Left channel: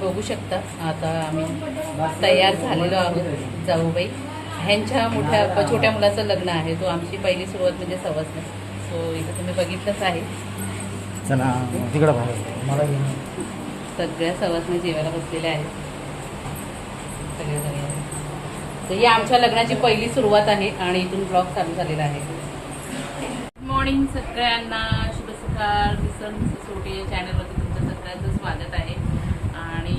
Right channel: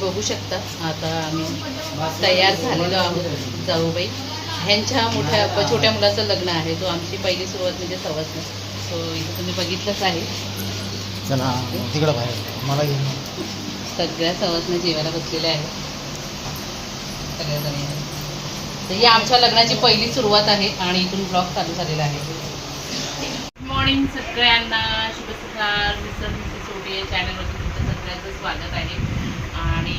बघू शकता. आता आम्ही तयार झालेलो आहोत जाऊबाई. ह्यांच्या मोठ्या छोट्या मुलाचं लग्न आहे. तो आमची पहिली सुरुवात म्हणजे सवासण सो इथं तुम्ही बघितलंच आहे. सगळ्या सवासण्या जेवायला बसलेल्या आहेत. सगळ्या जणी. तर ही आमच्या लग्नाची पहिली सुरुवात आहे आणि इथून ब्लॉग चालू झालेला आहे. गुड मॉर्निंग सगळ्यांना. शुभ सकाळ मिसर मिसेस या चॅनलवरती तुमचं सगळ्यांचं स्वागत आहे. आणि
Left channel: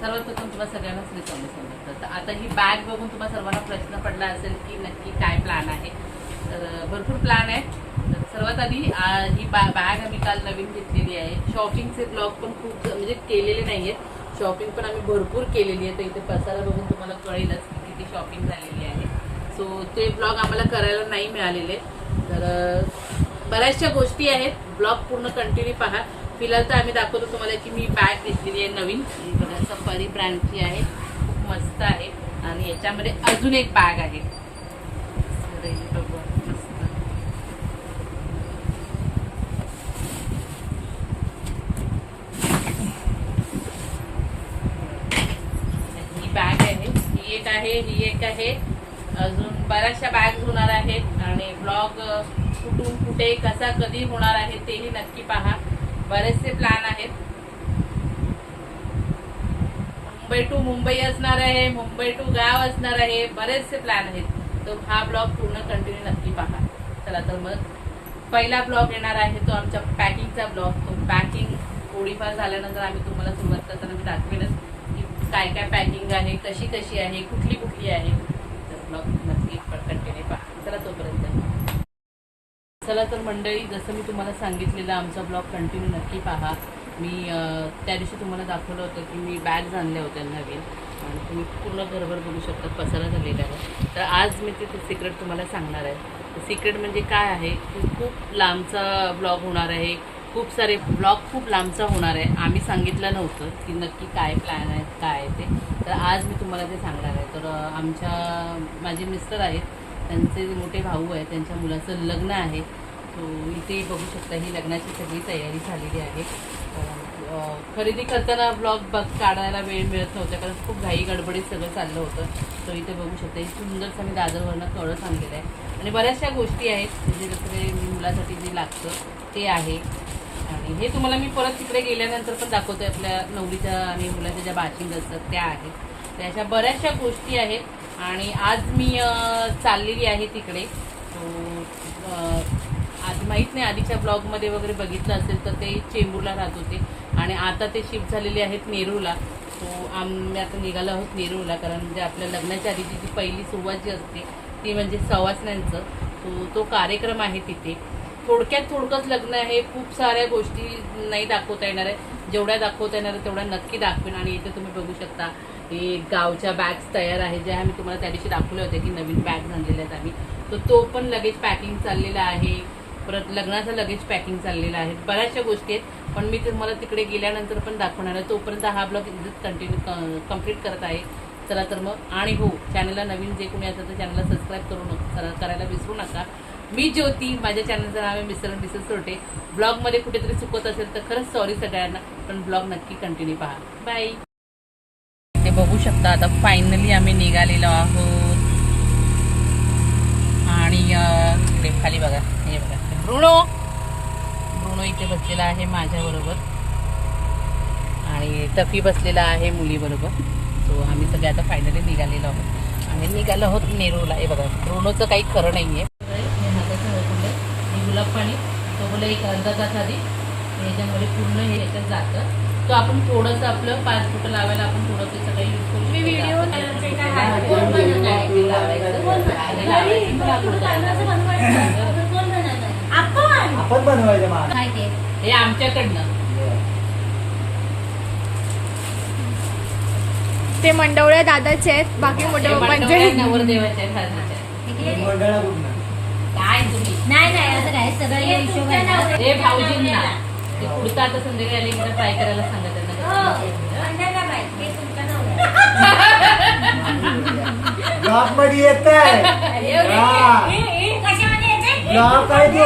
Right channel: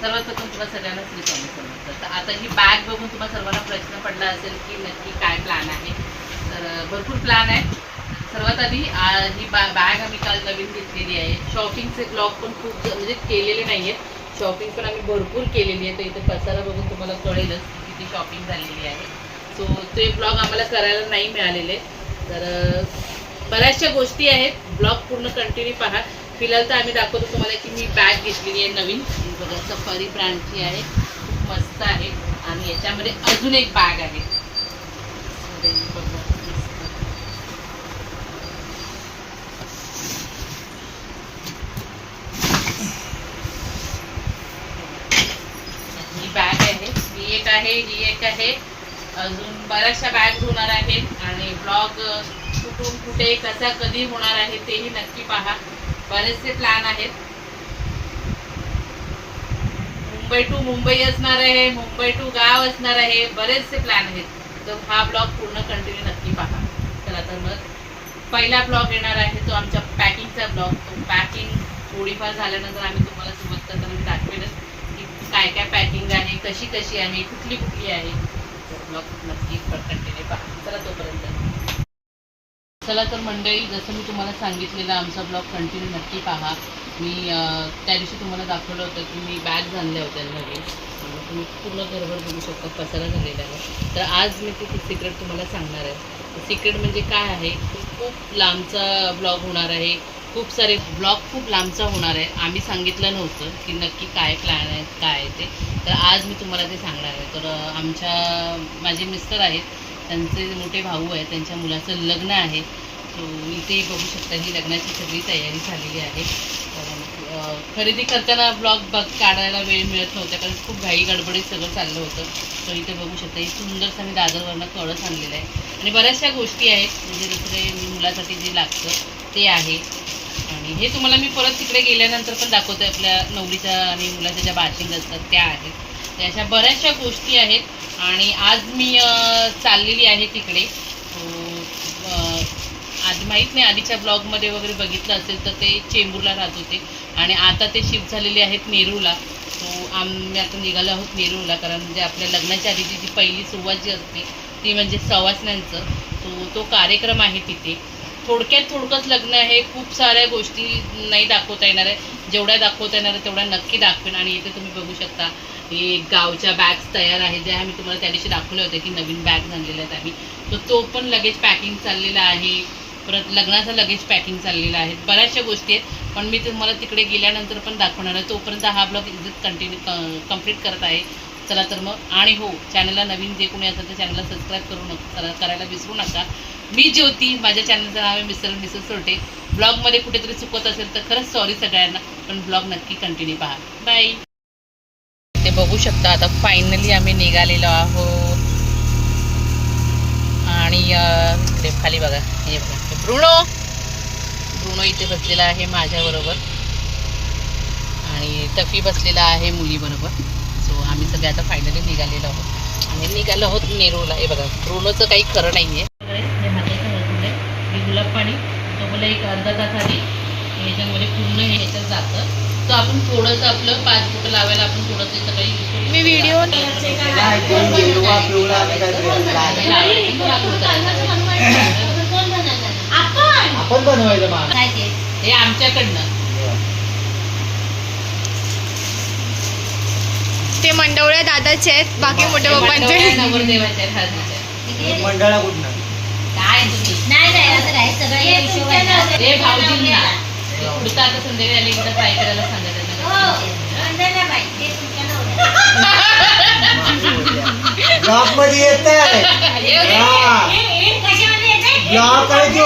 सर्वात प्रथम तुम्हाला सगळ्यांना श्री स्वामी समजतं तर आता ही बॅग बघून तुम्हाला सर्वांना प्रश्न पडला असेल की नक्की काय प्लॅन आहे. तर भरपूर प्लॅन आहे सर्वात आधी ही बा बॅग आम्ही काल नवीन घेतलेली आहे. शॉपिंगचे ब्लॉग पण खूप म्हणजे केलेले नाही आहेत शॉपिंग पण आम्ही भरपूर केलेली आहे. तर इथे पसारा बघून तुम्हाला कळेलच की किती शॉपिंग झालेली आहे. सो ते ब्लॉग आम्हाला करायला नाही मिळालेले. तर बऱ्याचशा गोष्टी आहेत. ब्लॉग पूर्ण कंटिन्यू पहा. फिलहाल तर आम्ही दाखवतो तुम्हाला की मी बॅग घेतलेली आहे नवीन. बघा सफारी ब्रँडची आहे. खूप मस्त आहे. आणि याच्यामध्ये अजून एक बॅग आहे. ही बॅग आहे. ही एक आहे ही एक आहे. अजून बऱ्याचशा बॅग होणार आहेत. आणि ब्लॉग कुठून कुठे कसा कधी होणार आहे तेही नक्की पहा. बरेचसे प्लॅन आहेत. मुंबई टू मुंबई असणार आहे मुंबई टू गाव असणार आहे बरेचसे प्लॅन आहेत. तर हा ब्लॉग पूर्ण कंटिन्यू नक्की पहा. चला तर मग पहिला ब्लॉग येणार आहे तो आमच्या पॅकिंगचा ब्लॉग तो पॅकिंग थोडीफार झाल्यानंतर आम्ही तुम्हाला सुरुवात करताना मी दाखवेनच की काय काय पॅकिंग आहे कशी कशी आहे कुठली कुठली आहे. तर ब्लॉग नक्की कंटिन्यू पहा. चला तोपर्यंत. चला तर मंडळी जसं मी तुम्हाला सांगितलेलं आमचा ब्लॉग कंटिन्यू नक्की पहा. मी त्या दिवशी तुम्हाला दाखवलं होतं की मी बॅग आणल्या होत्या नवीन. आणि तुम्ही पूर्ण घरभर बघू शकता पसारा झालेला आहे. तर आज मी ते सिक्रेट तुम्हाला सांगणार आहे. सिक्रेट म्हणजे काय आहे? खूप लांबचा ब्लॉग होणार आहे. खूप सारे ब्लॉग खूप लांबचा होणार आहे. आम्ही सांगितलं नव्हतं की नक्की काय प्लॅन आहेत काय आहे ते. तर आज मी तुम्हाला ते सांगणार आहे. तर आमच्या माझे मिस्टर आहेत. त्यांचे मोठे भाऊ आहेत त्यांच्या मुलाचं लग्न आहे. सो इथे बघू शकता ही लग्नाची सगळी तयारी झालेली आहे. खरेदी करताना ब्लॉग बघ काढायला वेळ मिळत नव्हता कारण खूप घाई गडबडीत सगळं चाललं होतं. सो इथे बघू शकता ही सुंदरसं मी दादरवरनं कळस आणलेलं आहे. आणि बऱ्याचशा गोष्टी आहेत म्हणजे दुसरे मुलासाठी जे लागतं ते आहे. आणि हे तुम्हाला मी परत तिकडे गेल्यानंतर पण दाखवते आपल्या नवरीच्या आणि मुलाच्या ज्या बाशिंग असतात त्या आहेत. त्या अशा बऱ्याचशा गोष्टी आहेत. आणि आज मी चाललेली आहे तिकडे. आधी माहीत नाही आधीच्या ब्लॉगमध्ये वगैरे बघितलं असेल तर ते चेंबूरला राहत होते. आणि आता ते शिफ्ट झालेले आहेत नेरूला. सो आम्ही आता निघालो आहोत नेरूला कारण म्हणजे आपल्या लग्नाच्या आधीची जी पहिली सुरुवात जी असते ती म्हणजे सवासण्यांचं. तो तो कार्यक्रम आहे तिथे. थोडक्यात थोडकंच लग्न आहे. खूप साऱ्या गोष्टी नाही दाखवता येणार आहे. जेवढ्या दाखवता येणार आहे तेवढ्या नक्की दाखवेन आणि इथे तुम्ही बघू शकता. हे गावच्या बॅग्स तयार आहेत ज्या आम्ही तुम्हाला त्या दिवशी दाखवले होते की नवीन बॅग झालेल्या आहेत आम्ही. तर तो पण लगेच पॅकिंग चाललेला आहे. परत लग्नाचं लगेच पॅकिंग चाललेलं आहे. बऱ्याचशा गोष्टी आहेत पण मी तुम्हाला तिकडे गेल्यानंतर पण दाखवणार आहे. तोपर्यंत हा ब्लॉग इज्जत कंटिन्यू कंप्लीट करत आहे. चला तर मग आणि हो चॅनलला नवीन जे कोणी असेल तर चॅनलला सबस्क्राईब करू नका करायला विसरू नका. मी ज्योती माझ्या चॅनलचं नाव आहे मिसर मिसर सोटे. ब्लॉगमध्ये कुठेतरी चुकत असेल तर खरंच सॉरी सगळ्यांना पण ब्लॉग नक्की कंटिन्यू पहा. बाय बघू शकता. आता फायनली आम्ही निघालेलो आहोत. आणि इकडे खाली बघा. हे बघा. ब्रुणो ब्रुणो इथे बसलेला आहे माझ्याबरोबर आणि तफी बसलेला आहे मुलीबरोबर सो आम्ही सगळे आता फायनली निघालेलो आहोत. आणि निघालो आहोत नेरूला. हे बघा. ब्रुणोचं काही खरं नाही आहे गुलाब पाणी तो बोला एक अर्धा तास आधी. ह्याच्यामध्ये पूर्ण हे ह्याच्यात जातं. तर आपण थोडंसं आपलं पाच रुपये लावायला आपण थोडंसं हे सगळं यूज करू मी व्हिडिओ आपण बनवायचं मा हे आमच्याकडनं ते मंडवळ्या दादाचे आहेत बाकी पप्पांचे आहेत हळदीचे. मंडळा कुठनं काय तुम्ही नाही नाही असं काय सगळं या हे आता संध्याकाळी आली एकदा ट्राय करायला. ब्लॉकमध्ये येत? ब्लॉक आहे तो.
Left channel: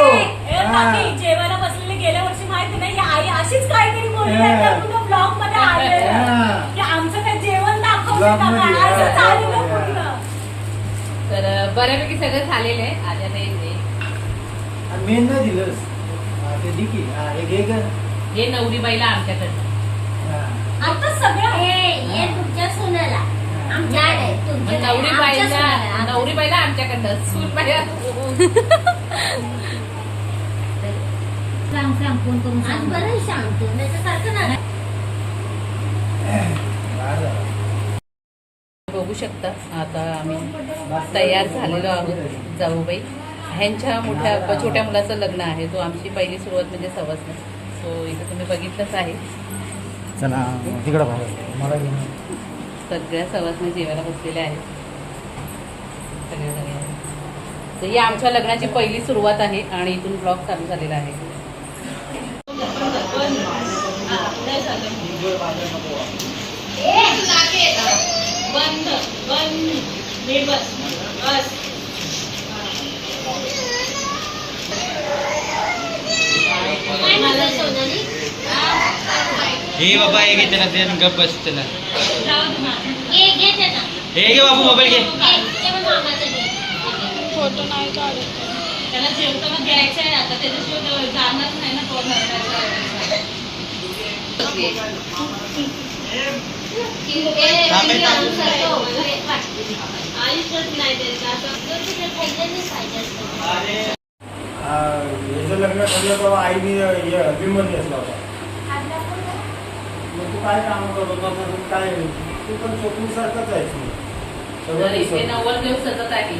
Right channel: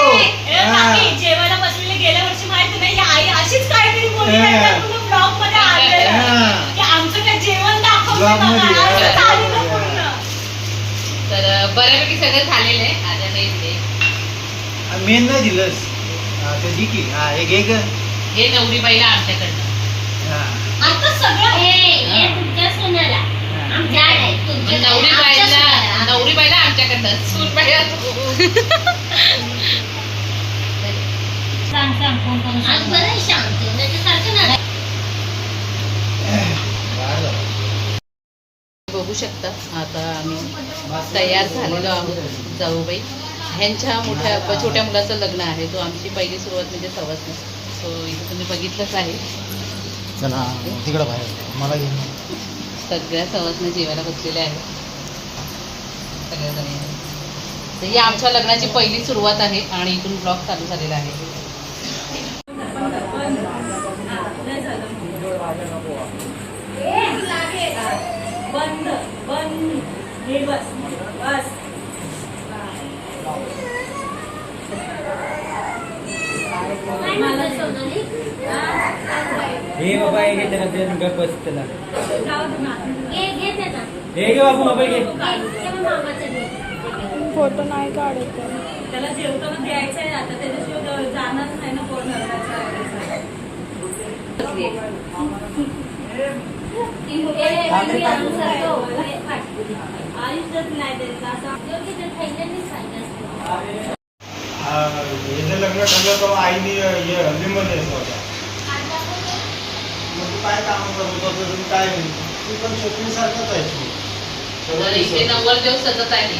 जेवायला बसलेले गेल्या वर्षी माहिती नाही आई अशीच काहीतरी बोलली हा. नाही का, तुला ब्लॉगमध्ये आली तर बऱ्यापैकी सगळं झालेलं आहे आता मेन हे मेन नाही दिलंस. हा, ते दे की हा एक एक. हे नवरी बाईला आमच्याकडनं. हा. आता सगळं हे हे तुमच्या सोनाला. आमच्या आहे. मग तुमच्या नवरी आमच्या बाईला सोनाला. नवरी बाईला आमच्याकडनं. सून बाईला सांग सांग फोन करून आज बरं सांगतो त्याच्यासारखं ना बाहेर जा. बघू शकता. आता आम्ही तयार झालेलो आहोत जाऊबाई ह्यांच्या मोठ्या छोट्या मुलाचं लग्न आहे. तो आमची पहिली सुरुवात म्हणजे सवसनं सो इथं तुम्ही बघितलंच आहे. सगळ्या सवासनं जेवायला बसलेले आहेत. सगळ्या तर ही आमच्या लग्नाची पहिली सुरुवात आहे आणि इथून ब्लॉग चालू झालेला आहे. बंद बंद. हे बस बस काय म्हणतोय सोनाली हे बाबा हे घे त्याला ते गप बस त्याला हे घे त्याचा हे घे बाबू मोबाईल घे हे ते मी मामाचं घे फोटो नाही काढत त्याला जेवताना द्यायचं आहे आता त्याच्याशिवाय तो जाणार नाही ना कोण थांब, थांब. आयुष्यच नाही द्यायचं असं याचं लग्न ठरलं तेव्हा आईने हे हल्दीमध्ये असला होता मग तू काय काम करत होता तू काय तू पण स्वप्नीसारखंच आहेस तू. नव्वद दिवस सतत आहे.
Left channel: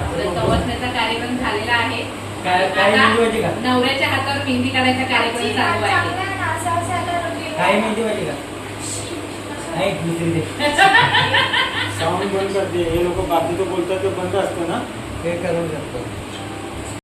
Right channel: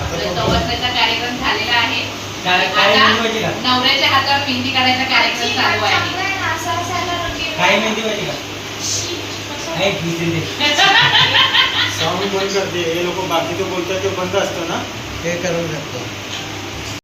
बघ. सवासण्याचा कार्यक्रम झालेला आहे. नवऱ्याच्या हातावर मेहंदी काढायचा कार्यक्रम चालू आहे. काय मेहंदी पाहिजे का? घेते ते साऊंड बंद करते. हे लोक बाकीचं बोलतात ते बंद असतं ना? हे करू शकतो